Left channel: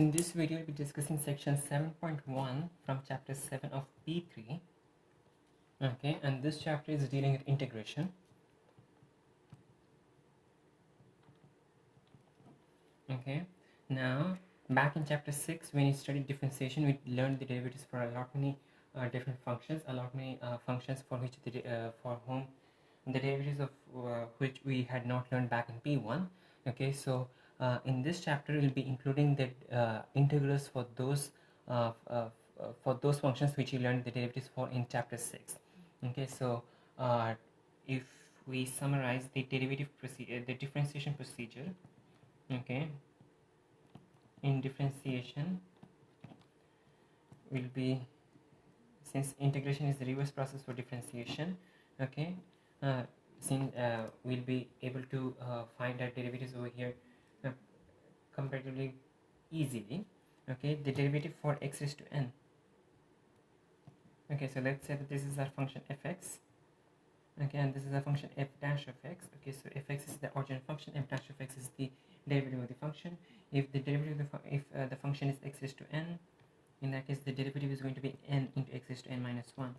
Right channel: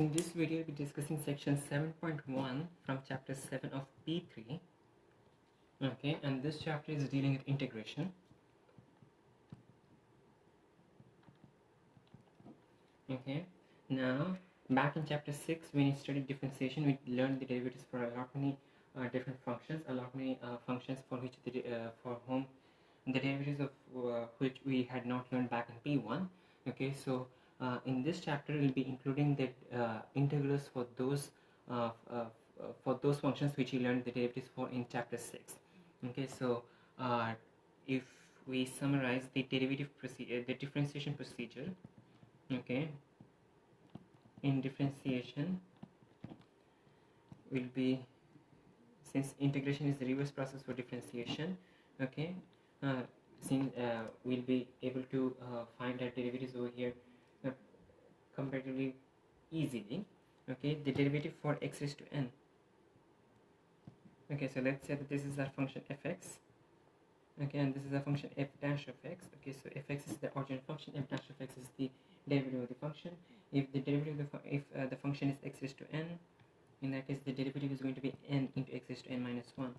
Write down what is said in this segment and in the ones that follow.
In this video, we'll be discussing section 7.1 from chapter 7 of P3. Okay, and this chapter is dealing with integration. Okay, now back in chapter 6, when we studied differentiation, we learned the derivatives for a lot many different functions, functions for which for whom the derivatives of which we had not learned back in P1. Okay, so in this chapter we'll be including the integrals for those functions which we learned the derivatives for in chapter 6. Okay, so if we summarize the the differentiation procedure, okay, in differentiation will be, since integration is the reverse process for differentiation, okay, since we'll be able to find our derivatives over here comparatively easily. Okay, the derivative for x raised to n. Okay, so let's say that this is our function fx. Okay, and this is a function f dash of x. Okay, so fx is the original function, f dash of x is the derivative of the function. If the derivative of the function is x raised to n, in that case the derivative is going to be n into x raised to n minus 1.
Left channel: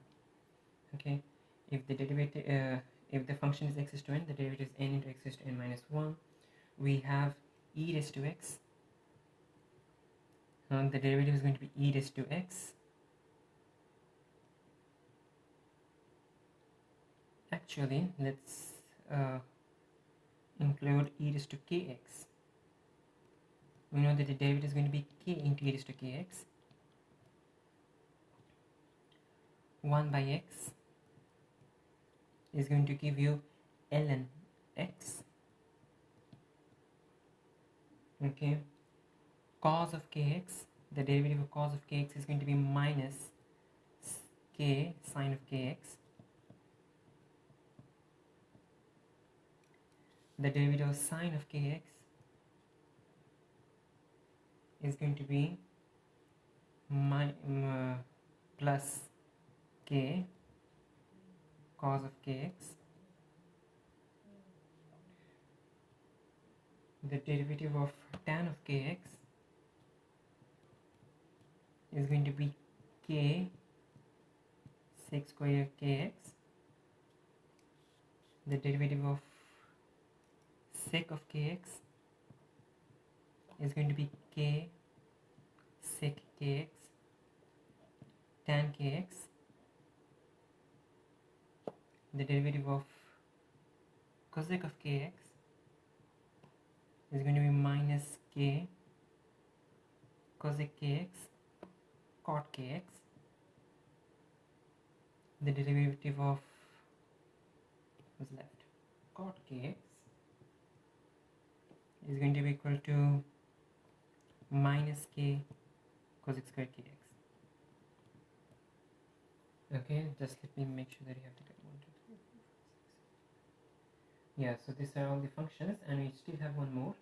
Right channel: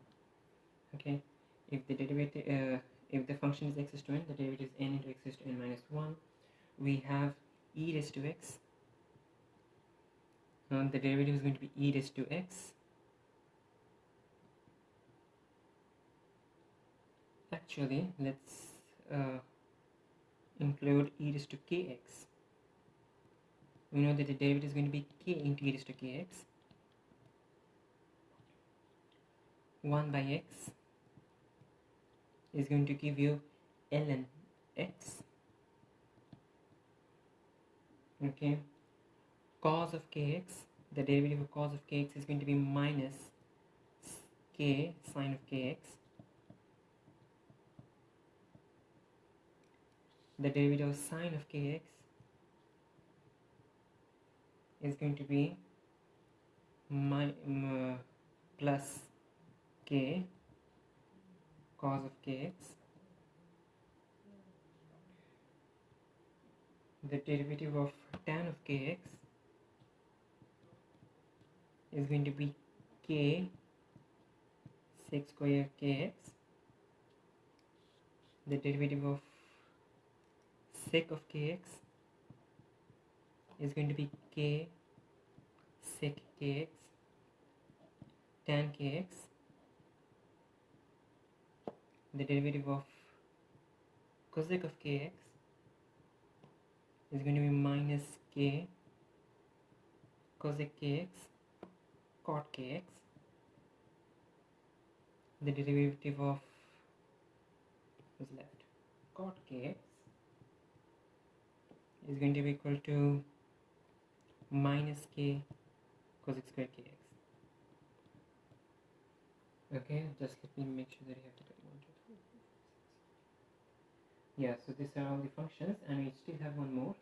Okay, if the derivative if the function is x raised to n, the derivative is n into x raised to n minus 1. We have e raised to x, and the derivative is going to be e raised to x. Actually, let's include e raised to kx. We know that the derivative is going to be k into e raised to kx. 1 by x is going to give you ln x. Okay, cos of kx, the derivative of cos of kx is going to be minus k sine of kx. The derivative of sine of kx is going to be plus k cos of kx. The derivative of tan of kx is going to be k sec square of kx. The derivative of sec of kx is going to be k sec kx tan kx. The derivative of cosec of kx is going to be minus k cosec kx cot kx. The derivative of what's left, cot kx, is going to be equal to minus k cosec square kx. Okay, just let me make sure that you have to get 1, 2, 3, 4, 5, 6, 7. Yeah, so these are all the functions, and we still have one more.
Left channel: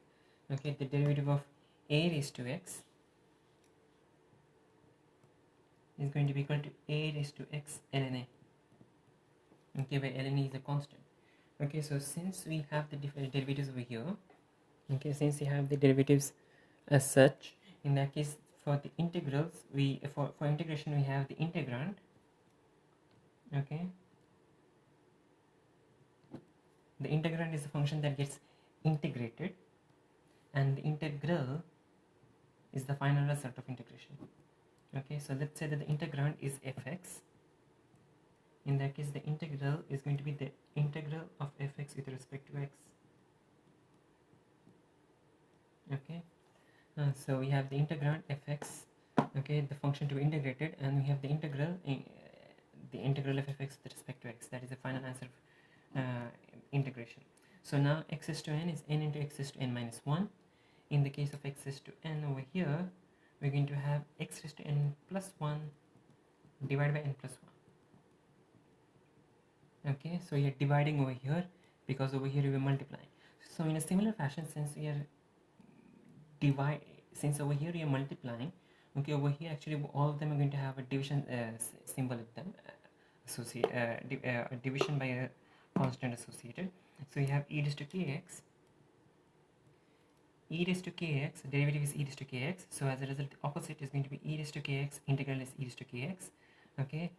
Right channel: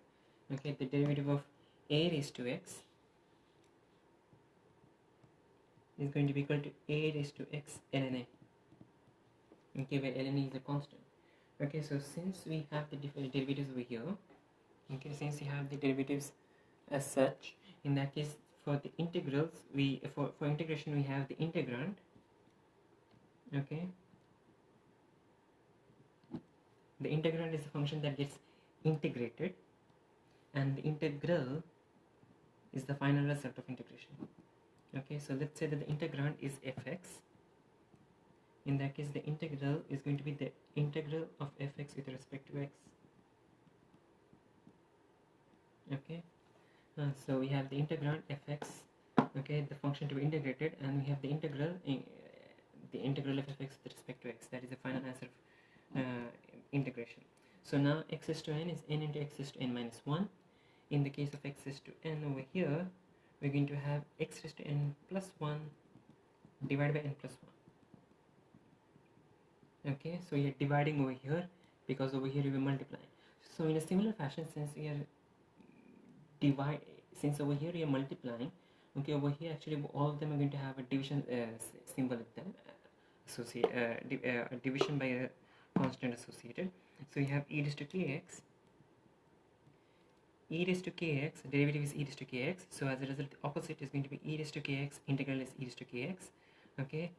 Okay, the derivative of a raised to x is going to be equal to a raised to x ln a. Okay, where ln a is a constant. Okay, so since we have the different derivatives over here, okay, since we have the derivatives as such, in that case for the integrals, for integration we have the integrand. Okay, the integrand is a function that gets integrated, and the integral is the final result of integration. Okay, so let's say that the integrand is fx. In that case the integral is going to be the integral of fx with respect to x. Okay, so we have the integrand fx, okay, the function to be integrated, and we have the integral of fx with respect to x. That is the final answer of integration. So now x raised to n is n into x raised to n minus 1. In the case of x raised to n over here, we're going to have x raised to n plus 1 divided by n plus 1. Okay, so you're dividing over here because over here you will multiply. So in a similar fashion, since over here you are multiplying, okay, over here actually all of them are going to have a division symbol with them, a division by a constant associated. So you have e raised to kx e raised to kx, derivative is e raised to kx, so as a result the opposite is going to be e raised to kx, integral is e raised to kx. Okay,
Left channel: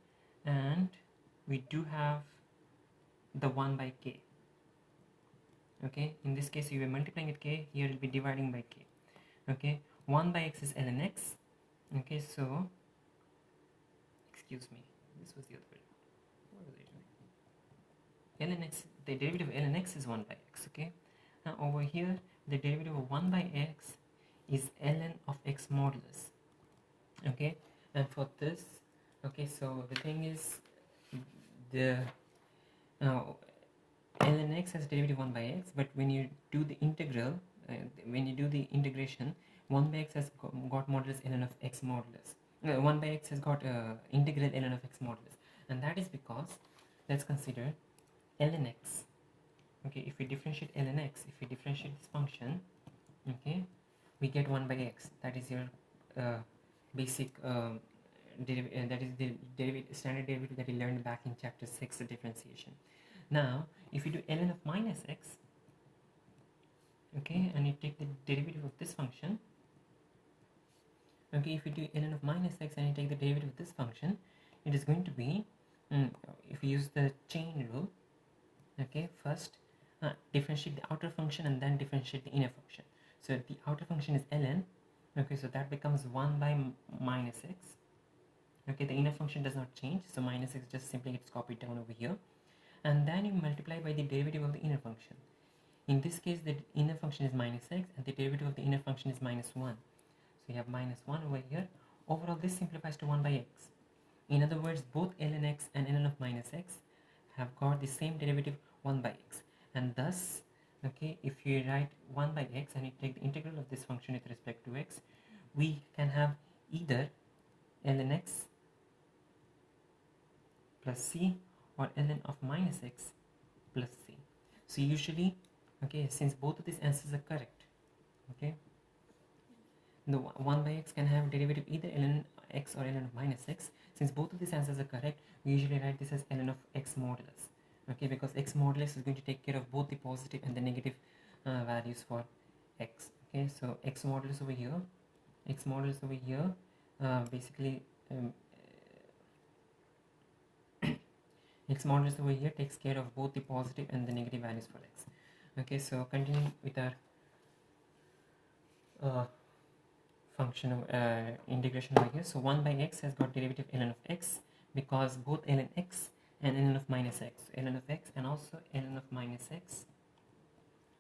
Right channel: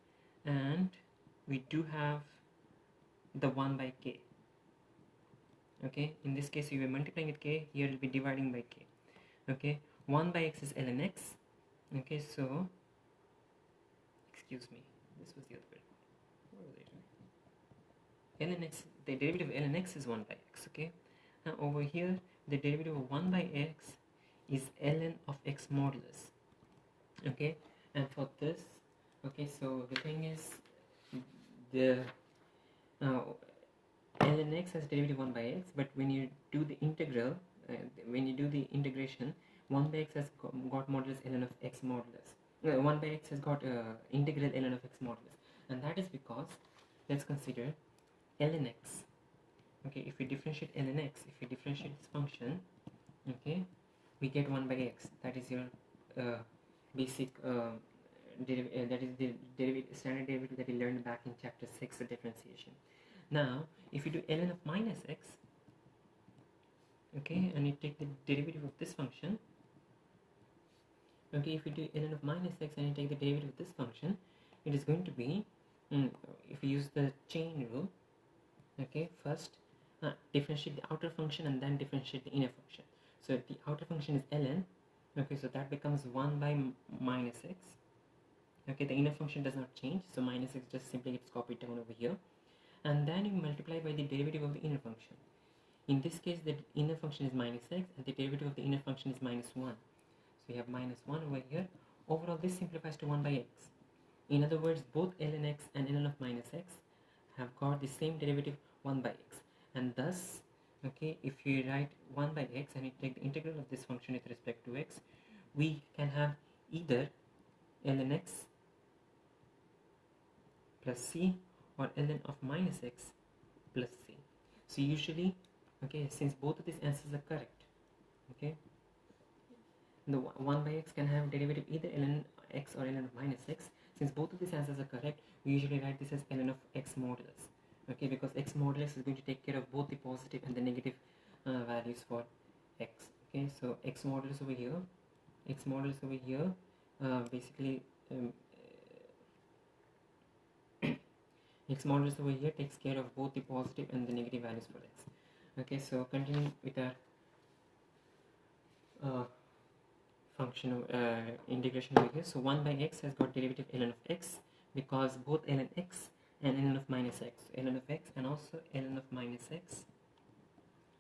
and we do have the 1 by k. Okay, in this case you are multiplying with k, here you will be dividing by k. Okay, 1 by x is ln x. Okay, so excuse me, this was the other way. What was it? Ln x, the derivative of ln x is 1 by x. Okay, now over here the derivative of 1 by x is ln of x modulus. Okay, and for this, okay, so the thing is, the ln x has derivative 1 by x, but when you do the integral, when you do the integration, 1 by x has got modulus ln of x modulus. 1 by x has got integral ln of x modulus, and that is because, let's consider ln x. Okay, if we differentiate ln x, if we differentiate this function, okay, we get 1 by x. That is your basic that is the standard derivative that we learned back in chapter 6, the differentiation. Now if you do ln of minus x, okay, and you take the derivative of this function, okay, if you do ln of minus x and you take the derivative of this function, it is going to be, if you use the chain rule, okay, first differentiate the outer function and then differentiate the inner function. So the outer function is ln, okay, so that becomes 1 by minus x. Okay, the inner function does not change, so minus x just simply gets copied down over here, and then you multiply by the derivative of the inner function. In this case the inner function is minus x and the derivative of the inner function is minus 1, so you have minus 1 over here. Overall this simplifies to 1 by x. In other words, both ln x and ln of minus x have got the same derivative 1 by x, and thus, okay, if you write 1 by x and you take the integral of this function with respect to x, we can have either ln x plus c or ln of minus x plus c. So usually, okay, since both of these answers are correct, okay, the 1 by x can have derivative either ln x or ln of minus x. Since both of these answers are correct, we usually write this as ln of x modulus. Okay, because x modulus is going to take care of both the positive and the negative values for x. Okay, so x modulus over here, basically x modulus over here takes care of both the positive and the negative values for x. Okay, so continue with our function integration over here. So 1 by x has got derivative ln of x, because both ln x and ln of minus x, ln of x and also ln of minus x,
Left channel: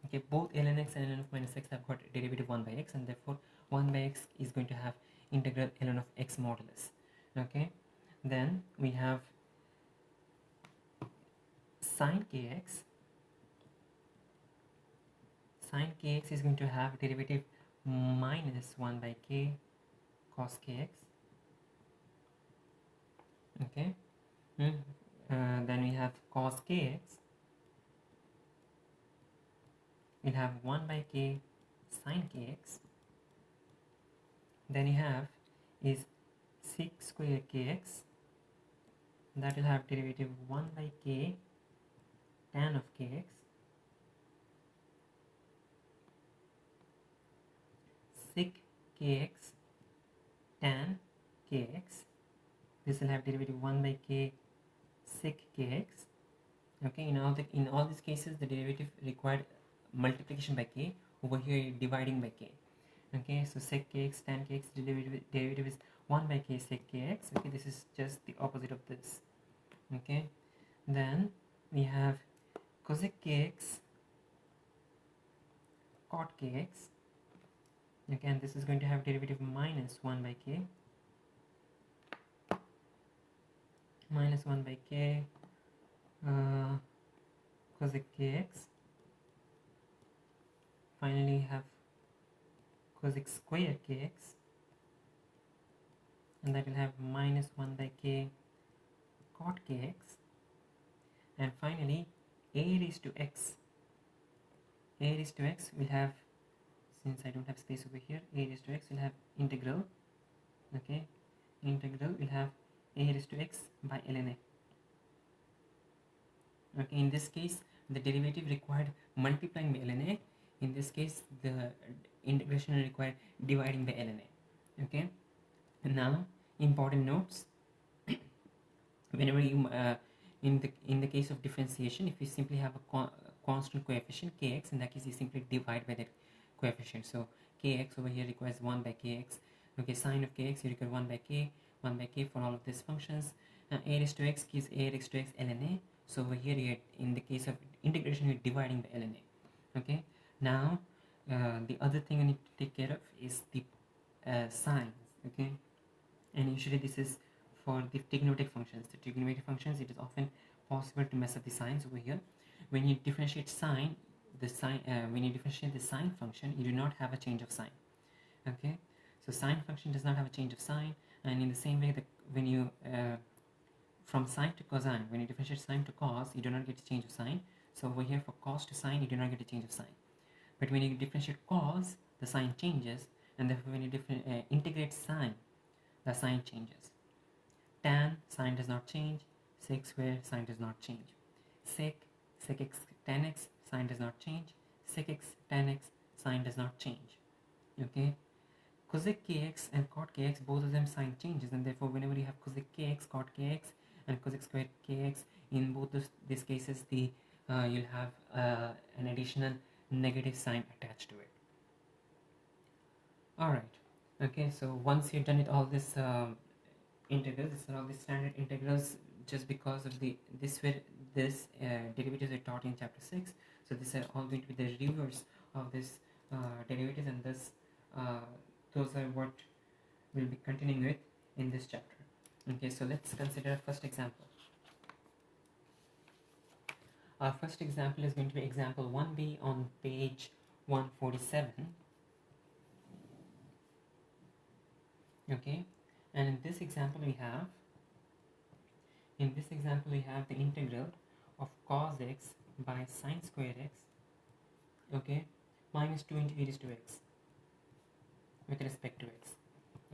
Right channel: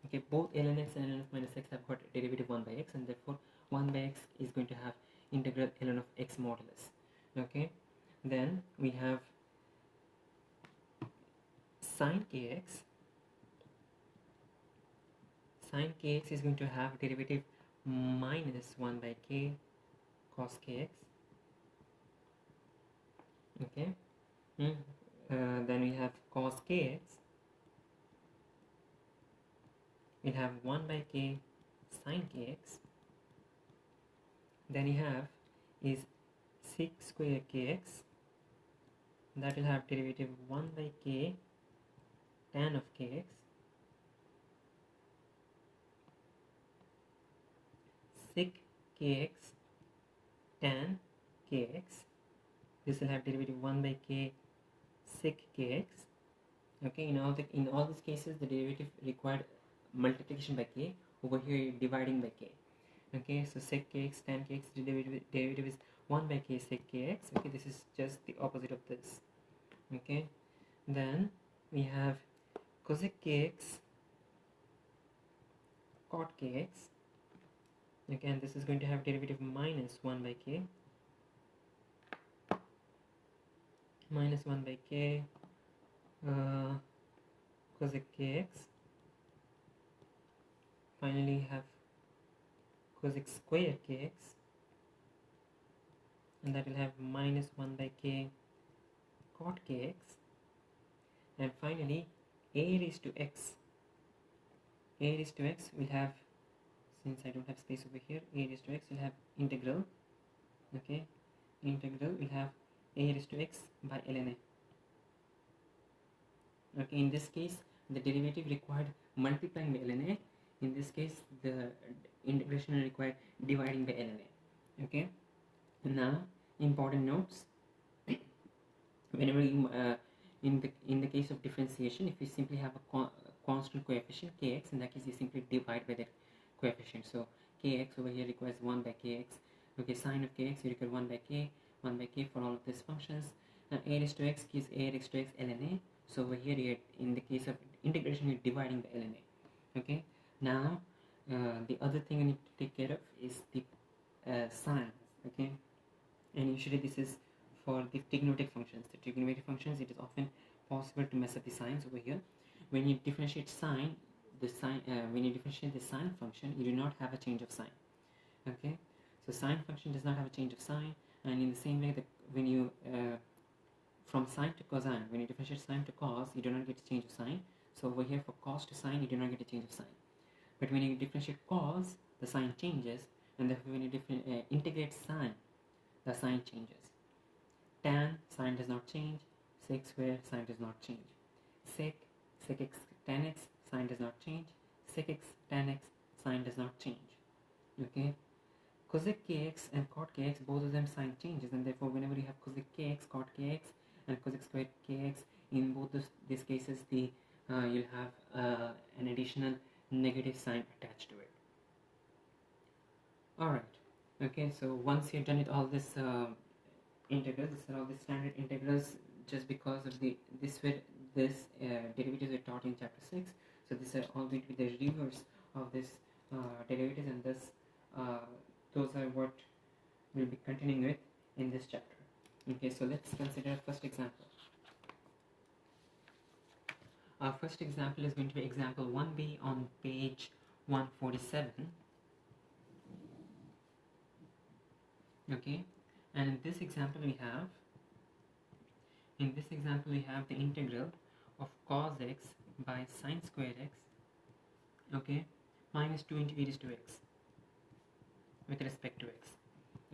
okay, both ln x and ln of minus x have got derivative 1 by x, and therefore 1 by x is going to have integral ln of x modulus. Okay, then we have sin kx. Sin kx is going to have derivative minus 1 by k cos kx. Okay, then we have cos kx, we'll have 1 by k sin kx. Then you have is sec square kx, that will have derivative 1 by k tan of kx. Sec kx tan kx, this will have derivative 1 by k sec kx. Okay, in all these cases the derivative required multiplication by k. Over here you're dividing by k. Okay, so sec kx tan kx, derivative is 1 by k sec kx. Okay, this is just the opposite of this. Okay, then we have cosec kx cot kx. Again, this is going to have derivative minus 1 by k, minus 1 by k cosec kx. Finally, you have cosec square kx, and that will have minus 1 by k cot kx. And finally, a raised to x. A raised to x will have, since I don't have space over here, a raised to x will have integral. Okay, integral will have a raised to x by ln a. Okay, in this case the derivative required multiplying by ln a. In this case the integration will require dividing by ln a. Okay, and now important notes. Whenever you in the case of differentiation, if you simply have a constant coefficient kx, in that case you simply divide by that coefficient. So kx over here requires 1 by kx. Okay, sine of kx you require 1 by k for all of these functions. Now a raised to x gives a raised to x ln a. So over here you in the case of integration you're dividing by ln a. Okay, now the other thing you need to take care of is the signs. Okay, and usually this is for the trigonometric functions. The trigonometric functions, it is often possible to mess up the signs over here. When you differentiate sine, when you differentiate the sine function, you do not have a change of sign. Okay, so sine function does not have a change of sign, and in the same way that when you from sine to cosine, when you differentiate sine to cos, you do not get a change of sign. So over here for cos to sine, you do not get a change of sign. But when you differentiate cos, the sign changes, and therefore when you integrate sine, the sign changes. Tan, sine does not change. Sec square, sine does not change. Sec x tan x, sine does not change. Sec x tan x, sine does not change. Okay, cosec kx and cot kx, both of them sign changes, and therefore whenever you have cosec kx, cot kx, and cosec squared kx, in both these cases the you'll have an additional negative sign attached to it. Alright, okay, so once you've done it, all this integrals, these are all the standard integrals, just because of this derivatives are taught in chapter 6. So these are all going to be the reviewers of this derivatives, and thus those are what we'll be continuing with in this chapter. Okay, so let's consider first example. Our first example is going to be example 1b on page 147. Okay, and in this example we have the integral of cos x by sine square x, okay, minus 2 into e raised to x with respect to x.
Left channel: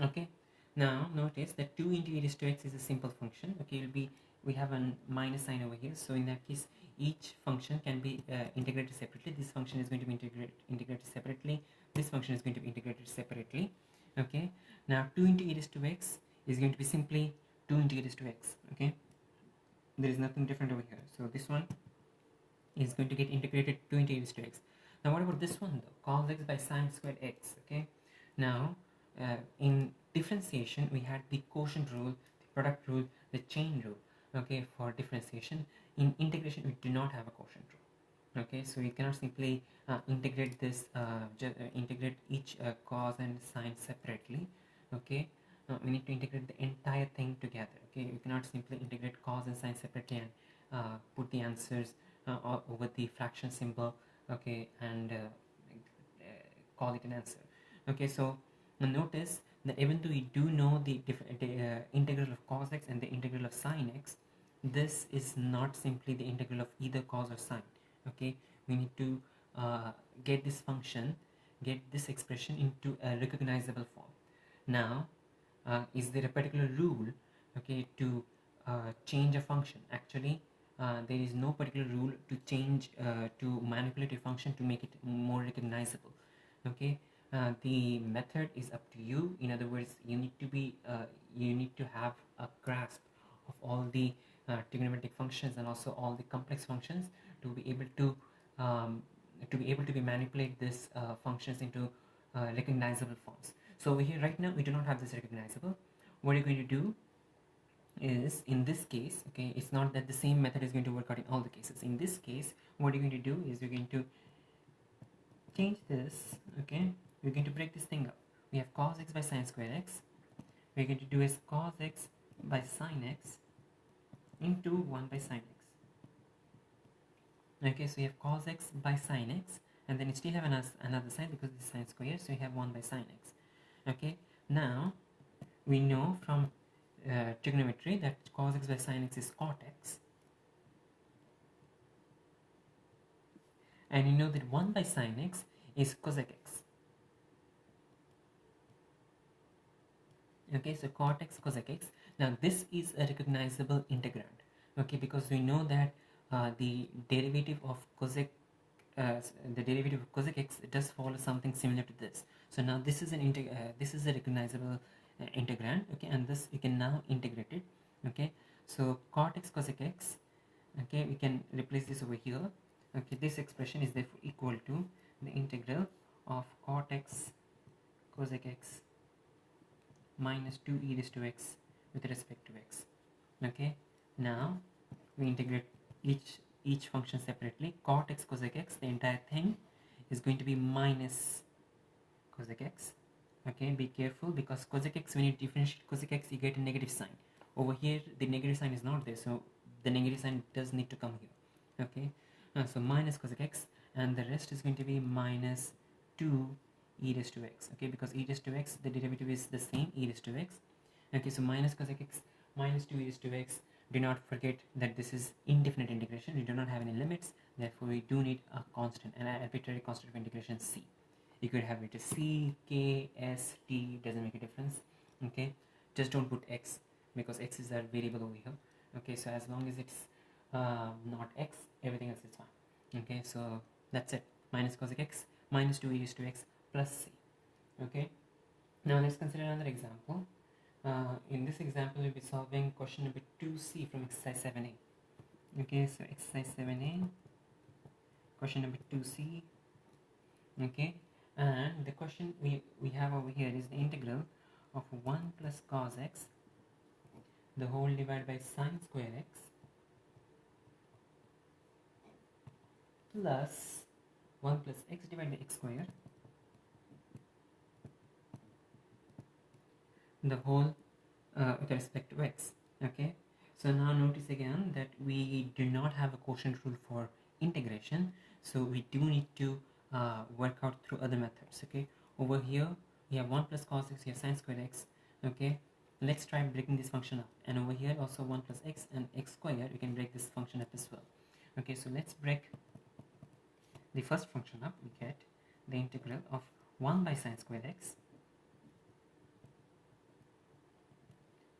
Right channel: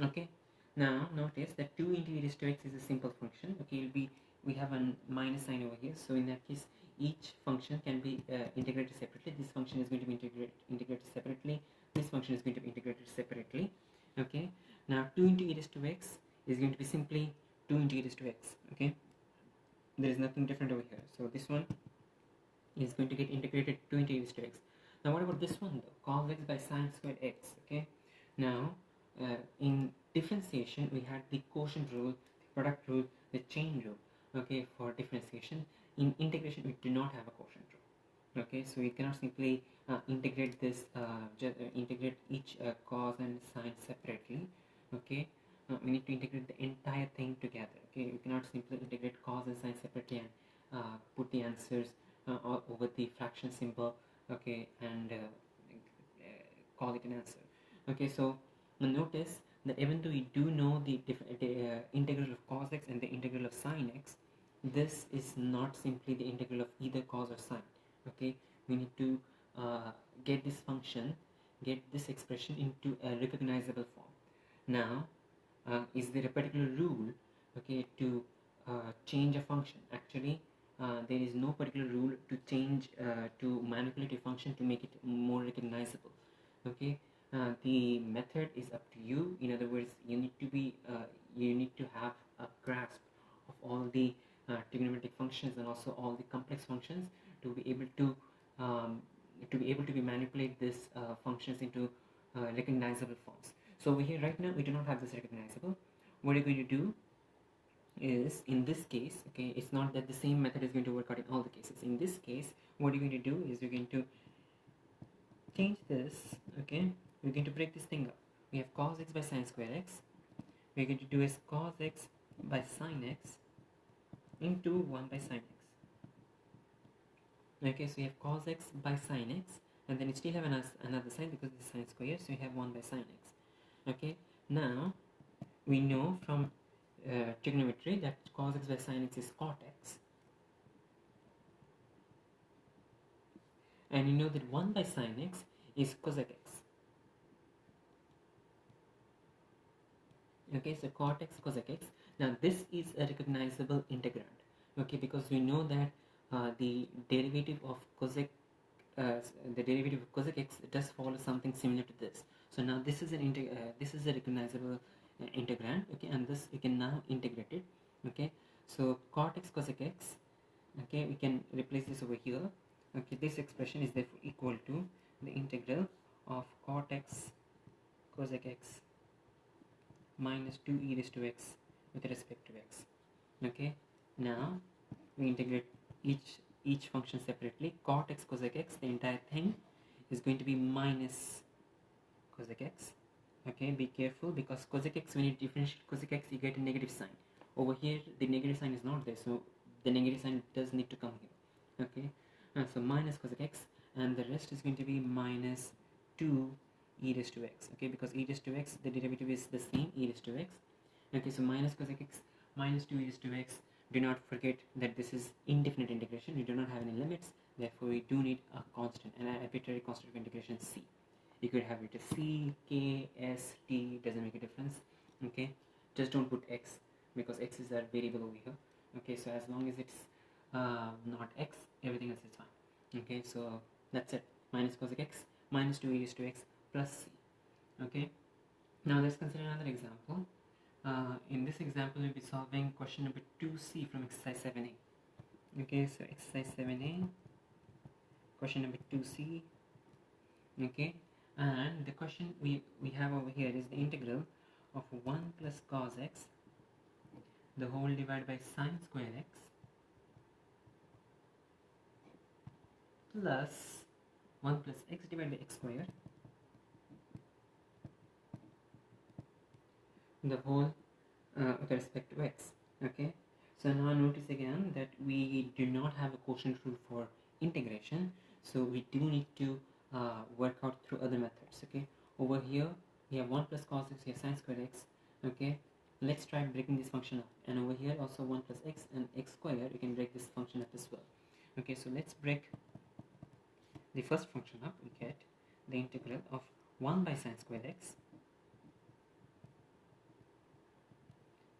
Okay, now notice that 2 into e raised to x is a simple function. Okay, we have a minus sign over here, so in that case each function can be integrated separately. This function is going to be integrated separately. This function is going to be integrated separately. Okay, now 2 into e raised to x is going to be simply 2 into e raised to x. Okay, there is nothing different over here. So this one is going to get integrated 2 into e raised to x. Now what about this one though? Cos x by sine squared x. Okay, now in differentiation we had the quotient rule, the product rule, the chain rule. Okay, for differentiation. In integration we do not have a quotient rule. Okay, so we cannot simply integrate this integrate each cos and sine separately. Okay, we need to integrate the entire thing together. Okay, we cannot simply integrate cos and sine separately and put the answers over the fraction symbol. Okay, and call it an answer. Okay, so notice that even though we do know the integral of cos x and the integral of sine x, this is not simply the integral of either cos or sine. Okay, we need to get this function, get this expression into a recognizable form. Now is there a particular rule, okay, to change a function? Actually there is no particular rule to change to manipulate a function to make it more recognizable. Okay, the method is up to you. In other words, you need to have a grasp of all the trigonometric functions and also all the complex functions to be able to manipulate these functions into recognizable forms. So over here right now we do not have this recognizable. What you're going to do is, in this case, okay, it's not that the same method is going to work out in all the cases. In this case, what you're going to do is you're going to change this. Okay, we're going to break this thing up. We have cos x by sine square x. We're going to do is cos x by sine x into 1 by sine x. Okay, so you have cos x by sine x, and then you still have another side because this is sine square, so you have 1 by sine x. Okay, now we know from trigonometry that cos x by sine x is cot x, and you know that 1 by sine x is cosec x. Okay, so cot x cosec x. Now this is a recognizable integrand. Okay, because we know that the derivative of cosec the derivative of cosec x does follow something similar to this. So now this is this is a recognizable integrand, okay, and this you can now integrate it, okay. So cot x cosec x, okay, we can replace this over here, okay. This expression is therefore equal to the integral of cot x cosec x minus 2 e raised to x with respect to x, okay. Now we integrate each function separately. Cot x cosec x, the entire thing is going to be minus cosec x, okay. Be careful, because cosec x, when you differentiate cosec x, you get a negative sign. Over here the negative sign is not there, so the negative sign does need to come here, okay. So minus cosec x, and the rest is going to be minus 2 e raised to x, okay, because e raised to x, the derivative is the same, e raised to x, okay. So minus cosec x minus 2 e raised to x. Do not forget that this is indefinite integration. We do not have any limits, therefore we do need a constant, an arbitrary constant of integration c. You could have it as c, k, s, t, doesn't make a difference, okay. Just don't put x, because x is a variable over here, okay. So as long as it's not x, everything else is fine, okay. So that's it, minus cosec x minus 2 e raised to x plus c, okay. Now let's consider another example. In this example, we'll be solving question number 2c from exercise 7a. Okay, so exercise 7a, question number 2c. Okay, and the question we have over here is the integral of 1 plus cos x, the whole divided by sine square x, plus 1 plus x divided by x square, the whole with respect to x, okay. So now notice again that we do not have a quotient rule for integration, so we do need to work out through other methods, okay. Over here we have 1 plus cos x, we have sine square x, okay. Let's try breaking this function up, and over here also 1 plus x and x square, you can break this function up as well, okay. So let's break the first function up. We get the integral of 1 by sine square x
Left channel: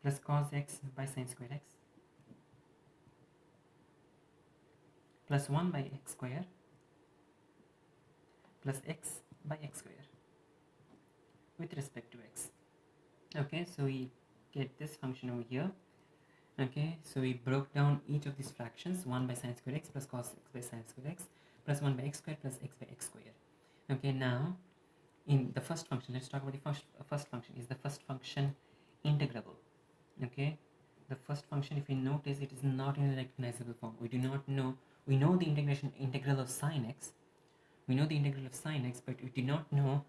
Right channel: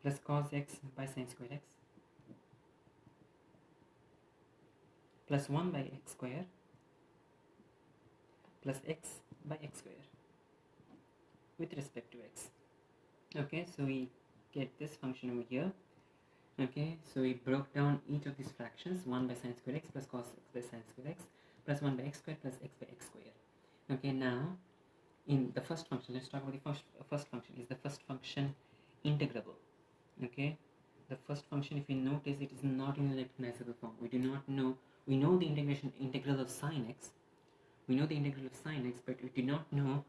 plus cos x by sine square x plus 1 by x square plus x by x square with respect to x, okay. So we get this function over here, okay. So we broke down each of these fractions, 1 by sine square x plus cos x by sine square x plus 1 by x square plus x by x square, okay. Now in the first function, let's talk about the first function. Is the first function integrable? Okay, the first function, if you notice, it is not in a recognizable form. We do not know. We know the integral of sine x. We know the integral of sine x, but we do not know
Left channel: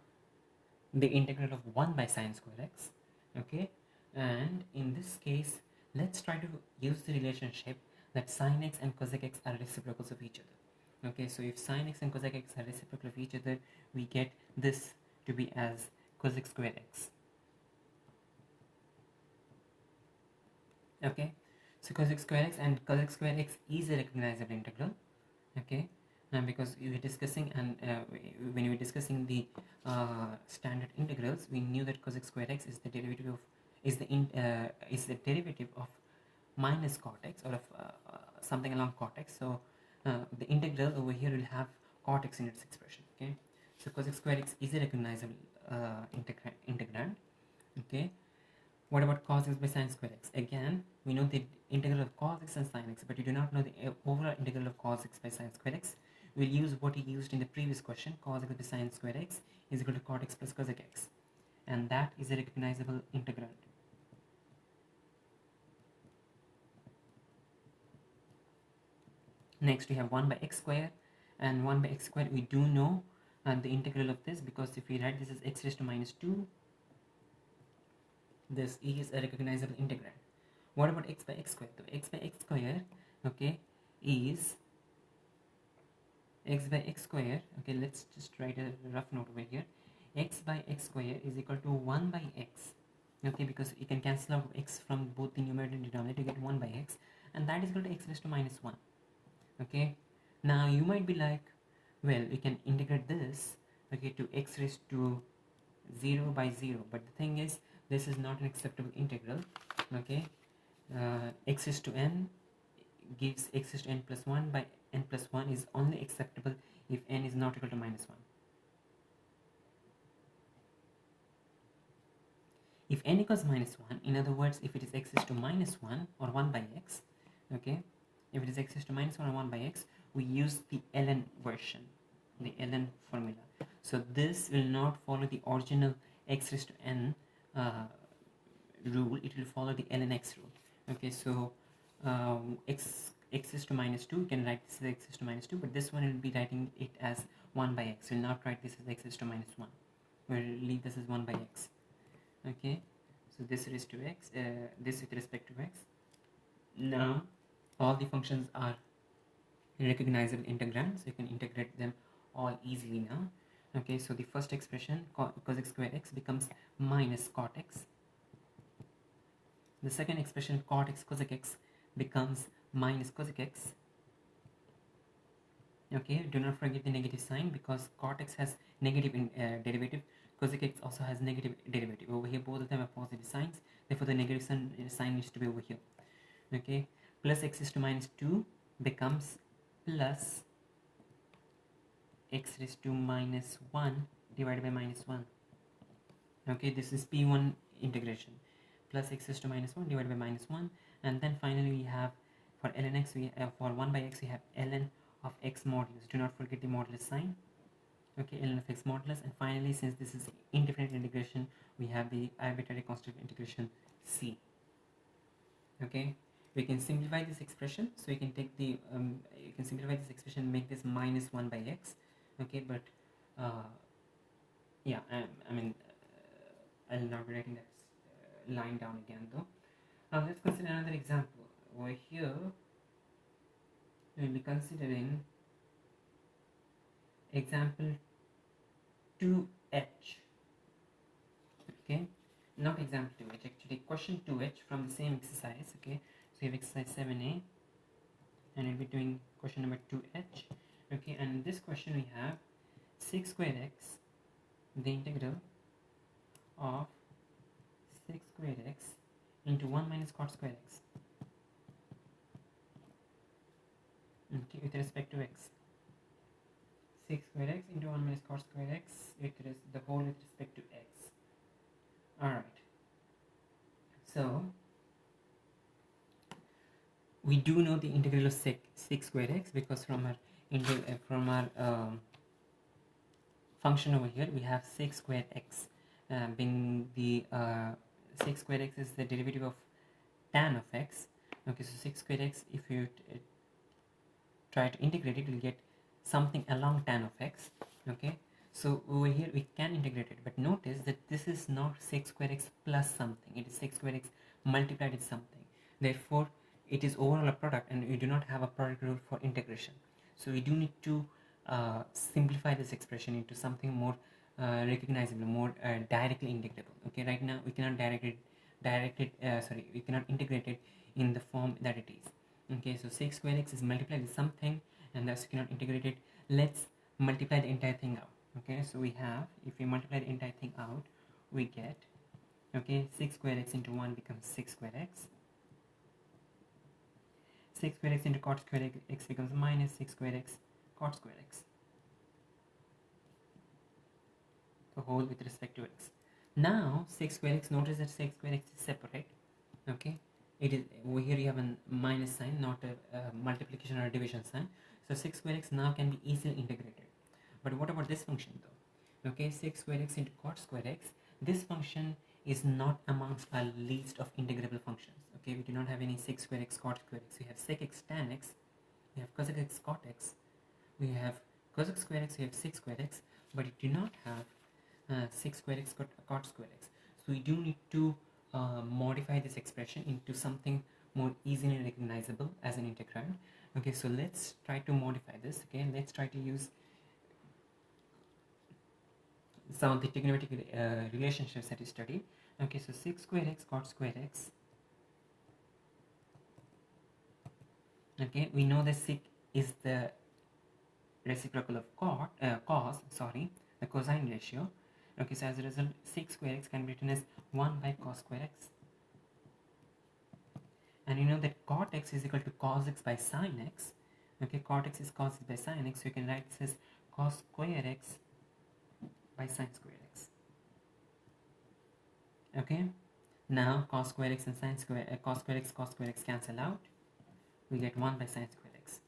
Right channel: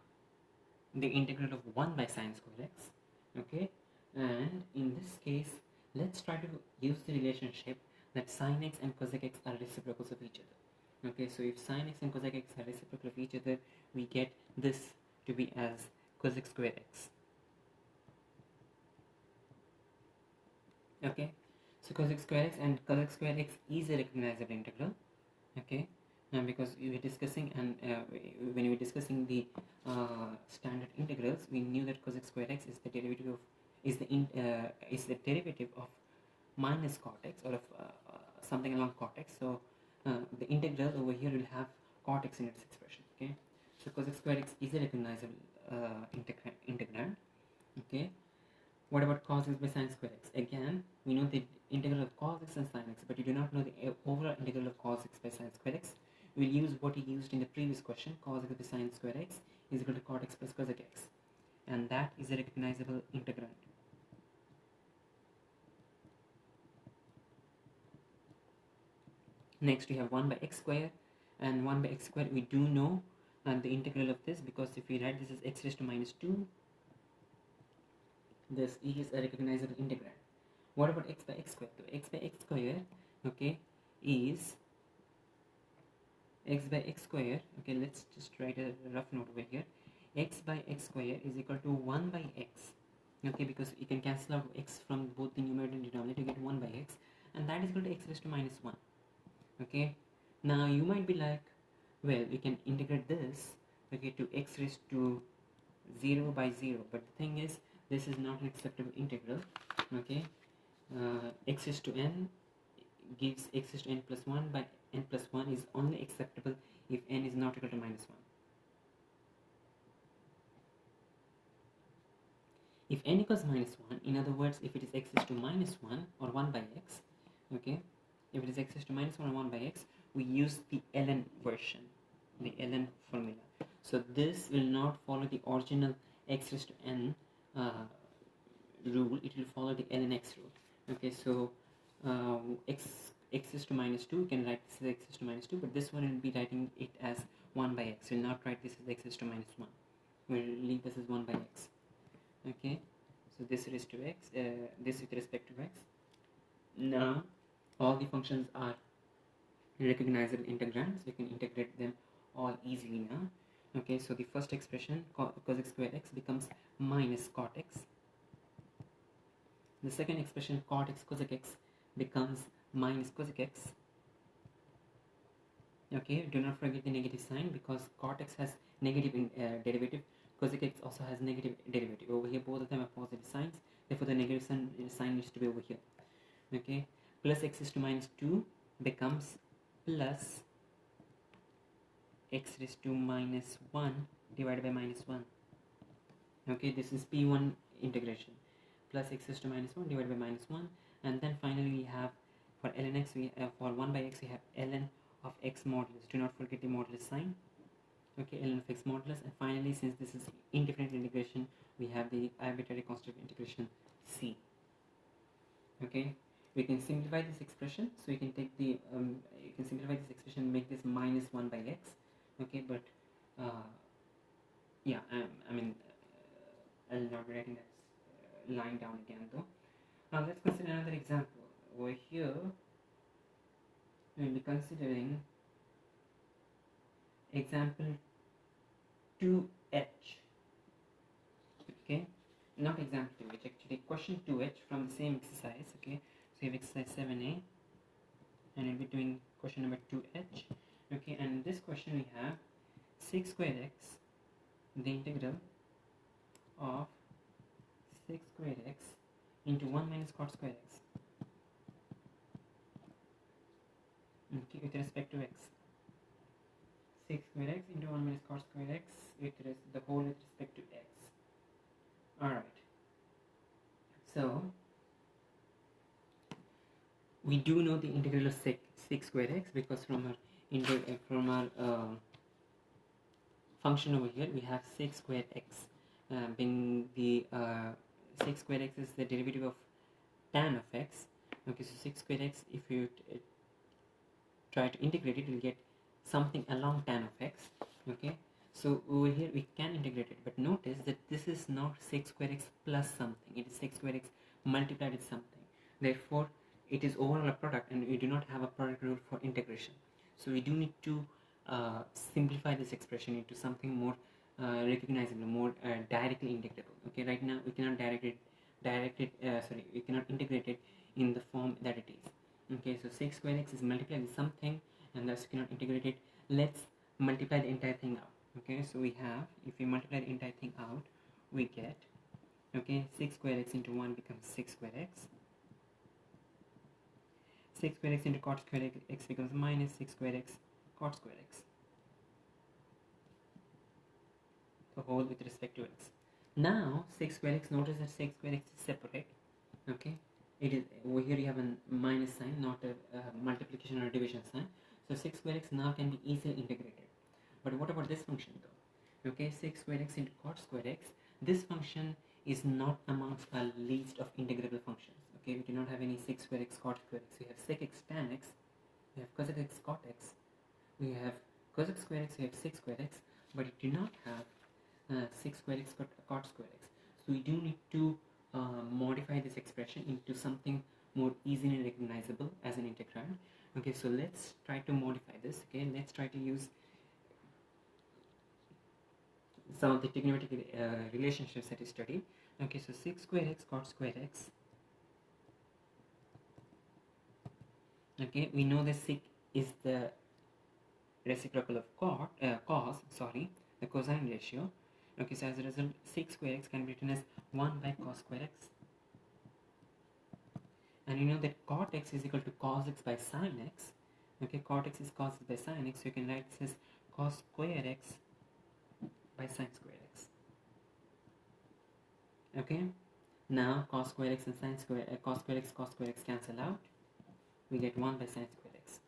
the integral of 1 by sine square x, okay. And in this case, let's try to use the relationship that sine x and cosec x are reciprocals of each other, okay. So if sine x and cosec x are reciprocal of each other, we get this to be as cosec square x, okay. So cosec square x and cosec square x is a recognizable integral, okay. Because we were discussing, and when we were discussing the standard integrals, we knew that cosec square x is the derivative of minus cot x, or of something along cot x. So the integral over here will have cot x in its expression, okay. So cosec square x is a recognizable integrand, okay. What about cos x by sine square x? Again, we know the integral of cos x and sine x, but you do not know the overall integral of cos x by sine square x. We'll use what we used in the previous question. Cos x by sine square x is equal to cot x plus cosec x, and that is a recognizable integrand. Next, we have 1 by x square, and 1 by x square we do know the integral of this, because if we write this as x raised to minus 2, this is a recognizable integrand. What about x by x square? So x by x square, okay, is x by x square, okay. Let's just write a rough note over here. X by x square is equal to 1 by x, okay, because you can cancel out x from both the numerator and denominator to get 1 by x, and that is equal to x raised to minus 1, okay. Now you might be like, well, we can integrate this, okay, to x raised to 0 by 0, but the thing is, this is not an acceptable integral, okay. X raised to n gives x raised to n plus 1 by n plus 1 is only acceptable if n is not equal to minus 1. If n equals minus 1, in other words, if it is x is to minus 1 or 1 by x, okay, if it is x is to minus 1 or 1 by x, we use the ln version, the ln formula. So this will not follow the original x raised to n rule, it will follow the ln x rule. Okay, so x is to minus 2, you can write this as x is to minus 2, but this one will be writing it as 1 by x. We'll not write this as x is to minus 1, we'll leave this as 1 by x. Okay, so this is to x, this with respect to x. Now all the functions are recognizable integrands, so you can integrate them all easily now. Okay, so the first expression cosec square x becomes minus cot x. The second expression cot x cosec x becomes minus cosec x. Okay, do not forget the negative sign, because cot x has negative derivative, cosec x also has negative derivative. Over here both of them are positive signs, therefore the negative sign needs to be over here. Okay, plus x is to minus 2 becomes plus x raised to minus 1 divided by minus 1. Okay, this is P1 integration. Plus x raised to minus 1 divided by minus 1, and then finally we have for ln x, for 1 by x we have ln of x modulus. Do not forget the modulus sign. Okay, ln of x modulus, and finally, since this is indefinite integration, we have the arbitrary constant integration c. Okay, we can simplify this expression, so we can take the you can simplify this expression and make this minus 1 by x. Okay, but yeah, I mean I'll not be writing that line down again though. Let's consider another example. Over here we'll be considering example 2h. Okay, not example 2h, actually question 2h from the same exercise. Okay, so you have exercise 7a and we'll be doing question number 2h. Okay, and in this question we have sec square x, the integral of sec square x into 1 minus cot square x, okay, with respect to x. Sec square x into 1 minus cot square x with the whole with respect to x. Alright, so we do know the integral of sec square x, because from our function over here we have sec square x, being the sec square x is the derivative of tan of x. Okay, so sec square x, if you try to integrate it, you'll get something along tan of x. Okay, so over here we can integrate it, but notice that this is not sec square x plus something, it is sec square x multiplied with something. Therefore it is overall a product, and we do not have a product rule for integration. So we do need to simplify this expression into something more recognizable, more directly integrable. Okay, right now we cannot we cannot integrate it in the form that it is. Okay, so sec square x is multiplied with something, and thus you cannot integrate it. Let's multiply the entire thing out. Okay, so we have, if we multiply the entire thing out, we get, okay, sec square x into 1 becomes sec square x. Sec square x into cot square x becomes minus sec square x cot square x, the whole with respect to x. Now sec square x, notice that sec square x is separate. Okay, it is over here you have a minus sign, not a multiplication or a division sign. So sec square x now can be easily integrated. But what about this function though? Okay, sec square x into cot square x, this function is not amongst our list of integrable functions. Okay, we do not have any sec square x cot square x. We have sec x tan x, we have cosec x cot x, we have cosec square x, we have sec square x, but we do not have sec square x cot square x. So we do need to modify this expression into something more easily recognizable as an integrand. Okay, so let's try to modify this. Okay, let's try to use some of the trigonometric relationships that we studied. Okay, so sec square x cot square x. Okay, we know that sec is the reciprocal of cos, the cosine ratio. Okay, so as a result, sec square x can be written as 1 by cos square x. And you know that cot x is equal to cos x by sin x. Okay, cot x is cos x by sin x, so you can write this as cos square x by sin square x. Okay, now cos square x and sin square cos square x cancel out. We get 1 by sin square x.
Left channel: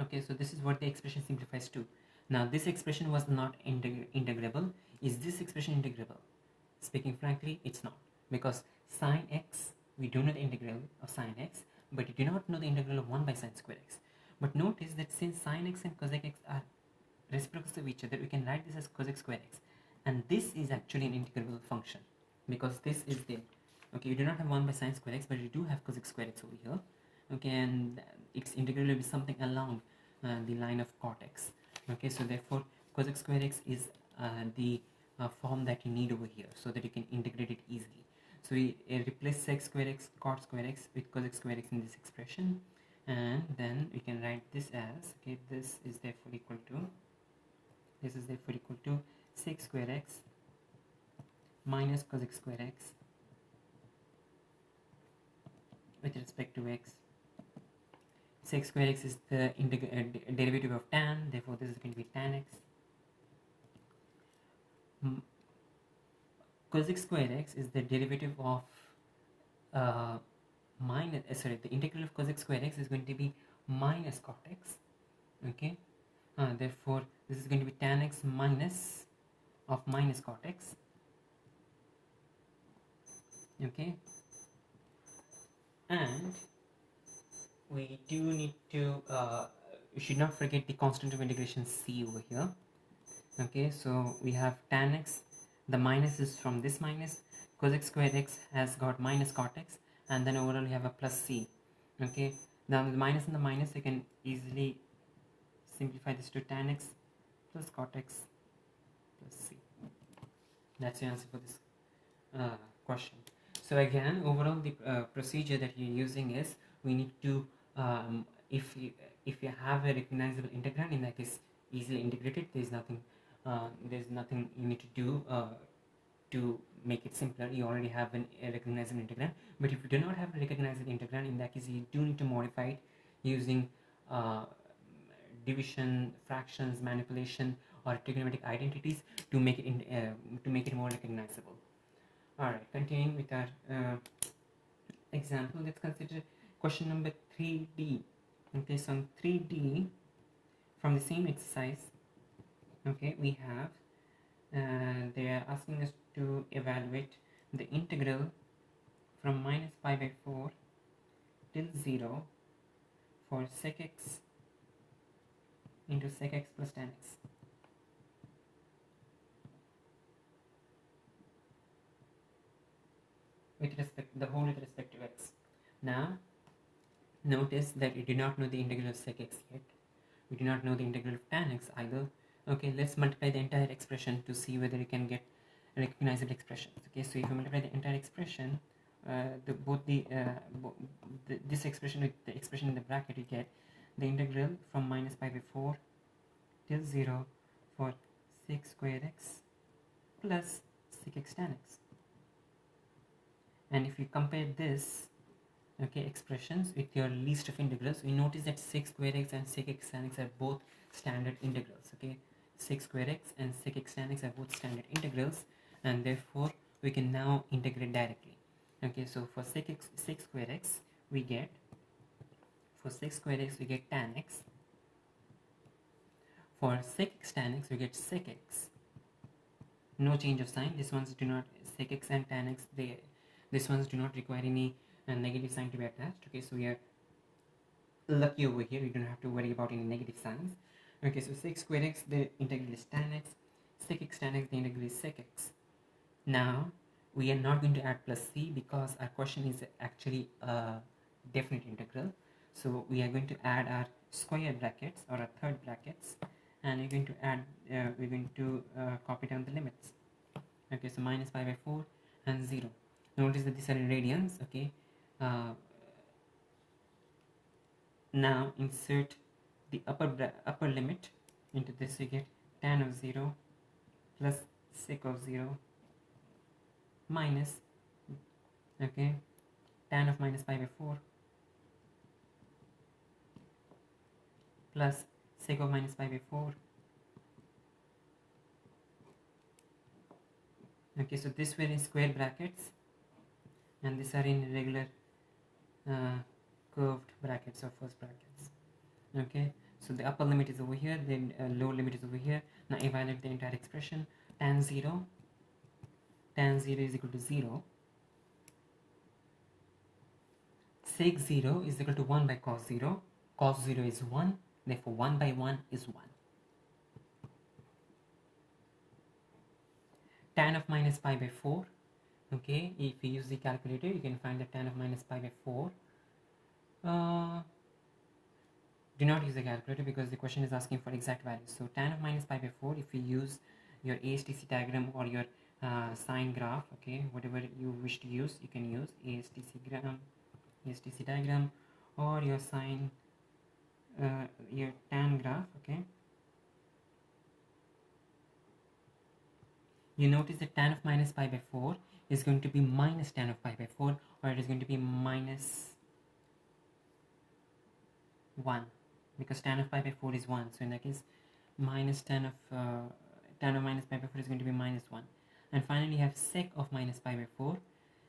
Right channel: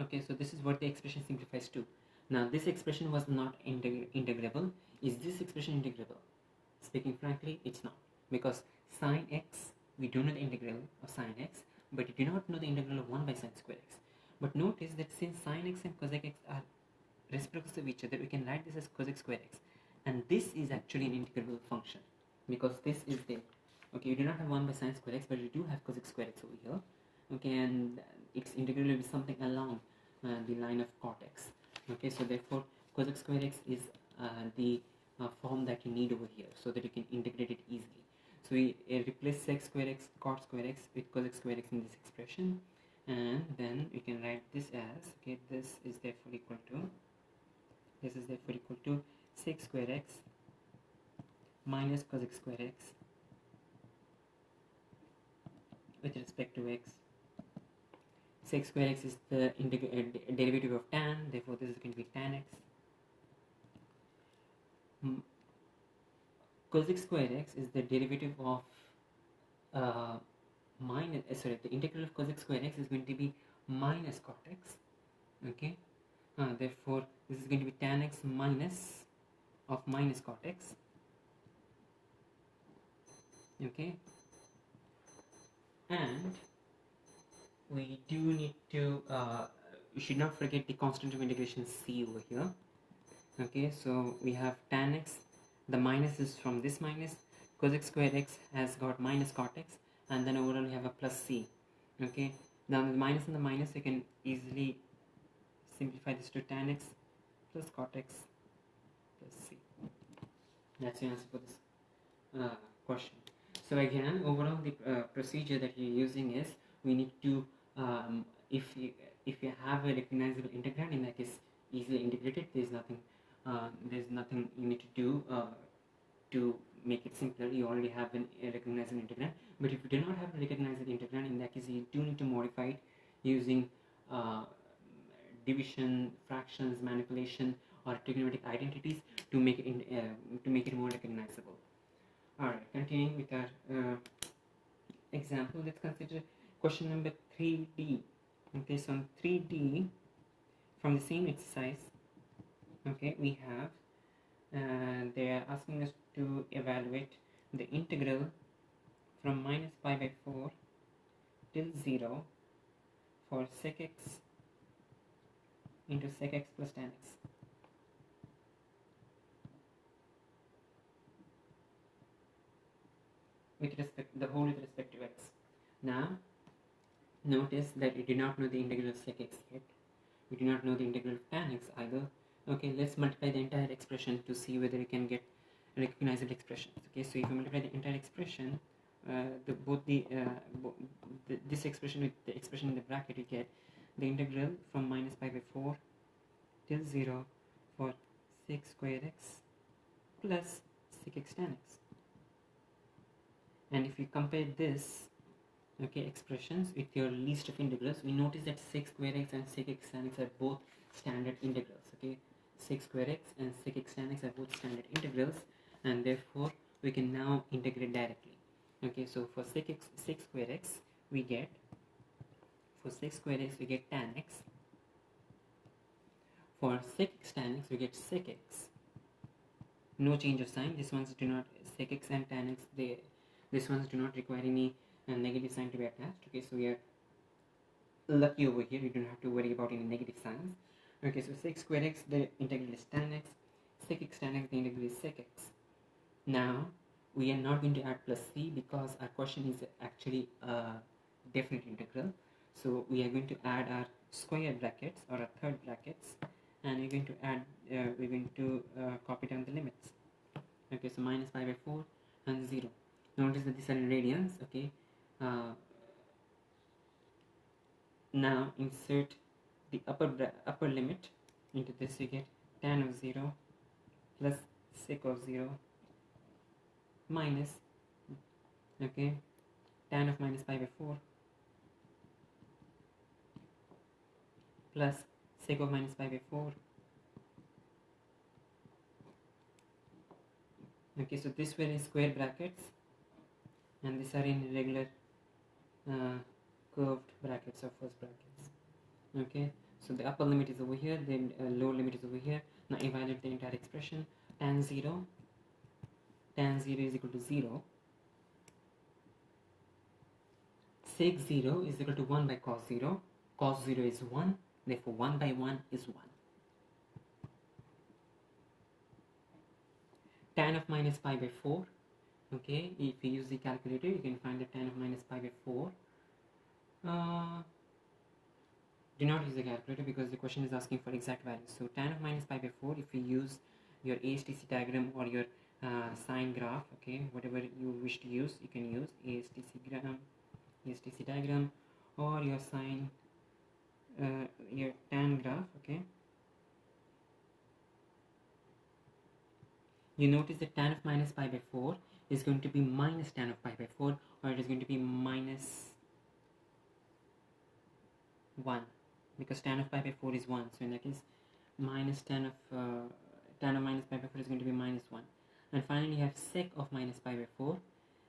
Okay, so this is what the expression simplifies to. Now this expression was not integrable. Is this expression integrable? Speaking frankly, it's not, because sin x, we do know the integral of sin x, but we do not know the integral of 1 by sin square x. But notice that since sin x and cosec x are reciprocals of each other, we can write this as cosec square x, and this is actually an integrable function, because this is the, okay, we do not have 1 by sin square x, but we do have cosec square x over here. Okay, and its integral will be something along the line of cot x. Okay, so therefore cosec square x is the form that you need over here, so that you can integrate it easily. So we replace sec square x, cot square x with cosec square x in this expression, and then we can write this as, okay, this is therefore equal to sec square x minus cosec square x with respect to x. Sec square x is the derivative of tan, therefore this is going to be tan x. Cosec square x is the derivative of the integral of cosec square x is going to be minus cot x. Okay, therefore this is going to be tan x minus of minus cot x. Okay, and we do need to you should not forget the constant of integration c over here. Okay, so we have tan x, the minus is from this minus, cosec square x has got minus cot x, and then overall we have a plus c. Okay, now the minus and the minus, you can easily simplify this to tan x plus cot x plus c. That's the answer for this question. So again, overall the procedure that you're using is, we need to if you have a recognizable integrand, in that case easily integrated, there's nothing you need to do to make it simpler. You already have a recognizable integrand. But if you do not have a recognizable integrand, in that case you do need to modify it using division, fractions, manipulation, or trigonometric identities to make it more recognizable. Alright, continuing with our example, let's consider question number 3D. Okay, so on 3D, from the same exercise, okay, we have they are asking us to evaluate the integral from minus pi by 4 till 0 for sec x into sec x plus tan x. With respect, the whole with respect to x. Now, notice that we do not know the integral of sec x yet. We do not know the integral of tan x either. Okay, let's multiply the entire expression to see whether we can get recognizable expressions. Okay, so if you multiply the entire expression, this expression with the expression in the bracket, you get the integral from minus pi by 4 till 0 for sec square x plus sec x tan x. And if you compare this, okay, expressions with your list of integrals, we notice that sec square x and sec x tan x are both standard integrals. Okay, sec square x and sec x tan x are both standard integrals, and therefore we can now integrate directly. Okay, so for sec square x we get tan x. For sec x tan x we get sec x. No change of sign. These ones do not, sec x and tan x, these ones do not require any negative sign to be attached. Okay, so we are lucky over here, we don't have to worry about any negative signs. Okay, so sec square x, the integral is tan x, sec x tan x, the integral is sec x. Now we are not going to add plus c because our question is actually a definite integral. So we are going to add our square brackets or our third brackets, and we're going to add copy down the limits. Okay, so minus pi by 4 and 0. Notice that these are in radians. Okay, now insert the upper limit into this. You get tan of 0 plus sec of 0 minus, okay, tan of minus pi by 4 plus sec of minus pi by 4. Okay, so this were in square brackets and these are in regular curved brackets or first brackets. Okay, so the upper limit is over here, then lower limit is over here. Now evaluate the entire expression. Tan 0 is equal to 0. Sec 0 is equal to 1 by cos 0. Cos 0 is 1, therefore 1 by 1 is 1. Tan of minus pi by 4. Okay, if you use the calculator, you can find the tan of minus pi by 4. Do not use the calculator because the question is asking for exact values. So tan of minus pi by 4, if you use your ASTC diagram or your sine graph, okay, whatever you wish to use, you can use ASTC diagram or your sine, your tan graph, okay. You notice that tan of minus pi by 4 is going to be minus tan of pi by 4, or it is going to be minus 1, because tan of pi by 4 is 1. So in that case, minus tan of minus pi by 4 is going to be minus 1. And finally, you have sec of minus pi by 4,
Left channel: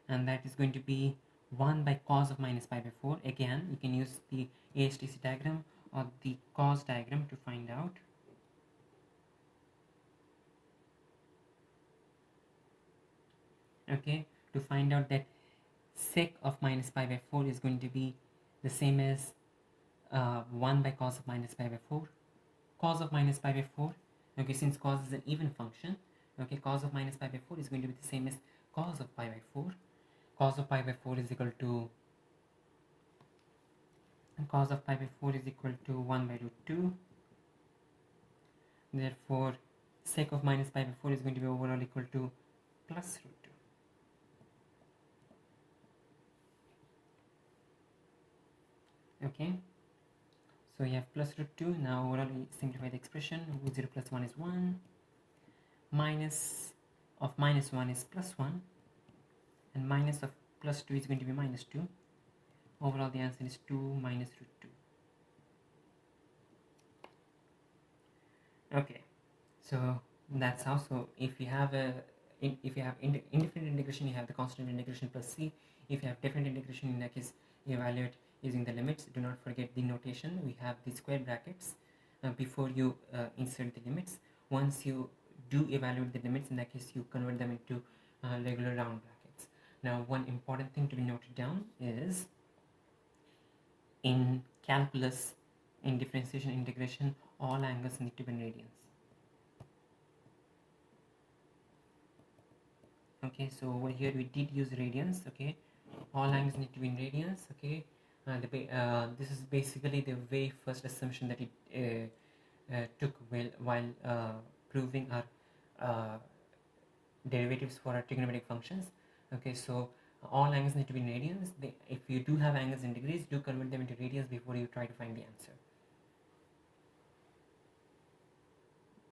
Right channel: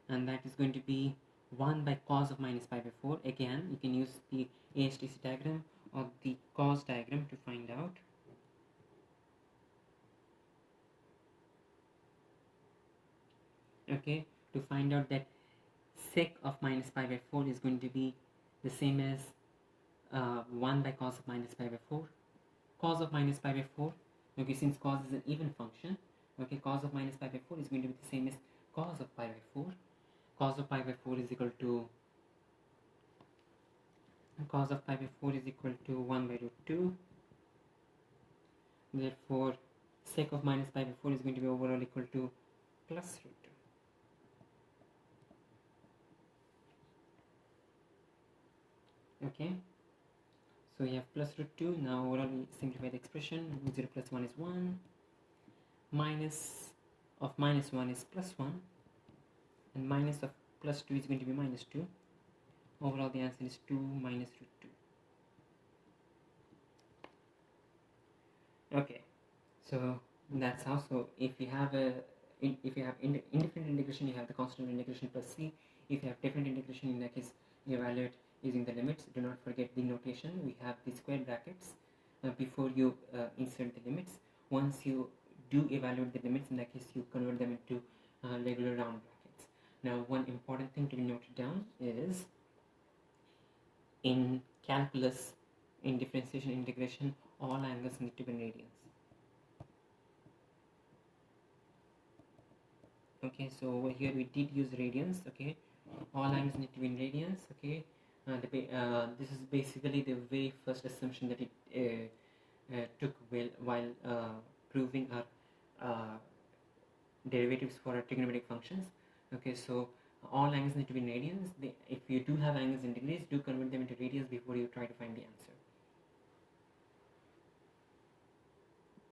and that is going to be 1 by cos of minus pi by 4. Again, you can use the ASTC diagram or the cos diagram to find out. Okay, to find out that sec of minus pi by 4 is going to be the same as 1 by cos of minus pi by 4. Cos of minus pi by 4, okay, since cos is an even function, okay, cos of minus pi by 4 is going to be the same as cos of pi by 4. Cos of pi by 4 is equal to 1 by root 2. Therefore, sec of minus pi by 4 is going to be overall equal to plus root 2. Okay, so you have plus root 2. Now overall we simplify the expression. Root 0 plus 1 is 1. Minus of minus 1 is plus 1. And minus of plus 2 is going to be minus 2. Overall the answer is 2 minus root 2. Okay, so that's how. So if you have indifferent integration, you have the constant integration plus c. If you have different integration, in that case you evaluate using the limits. Do not forget the notation. We have the square brackets before you insert the limits. Once you do evaluate the limits, in that case you convert them into regular round brackets. Now one important thing to be noted down is in calculus, in differentiation integration, all angles need to be in radians. Okay, so over here we did use radians. Okay, all angles need to be in radians. Okay, this is basically the very first assumption that it took while proving our derivatives for our trigonometric functions. Okay, so all angles need to be in radians. If you do have angles in degrees, do convert them into radians before you try to find the answer.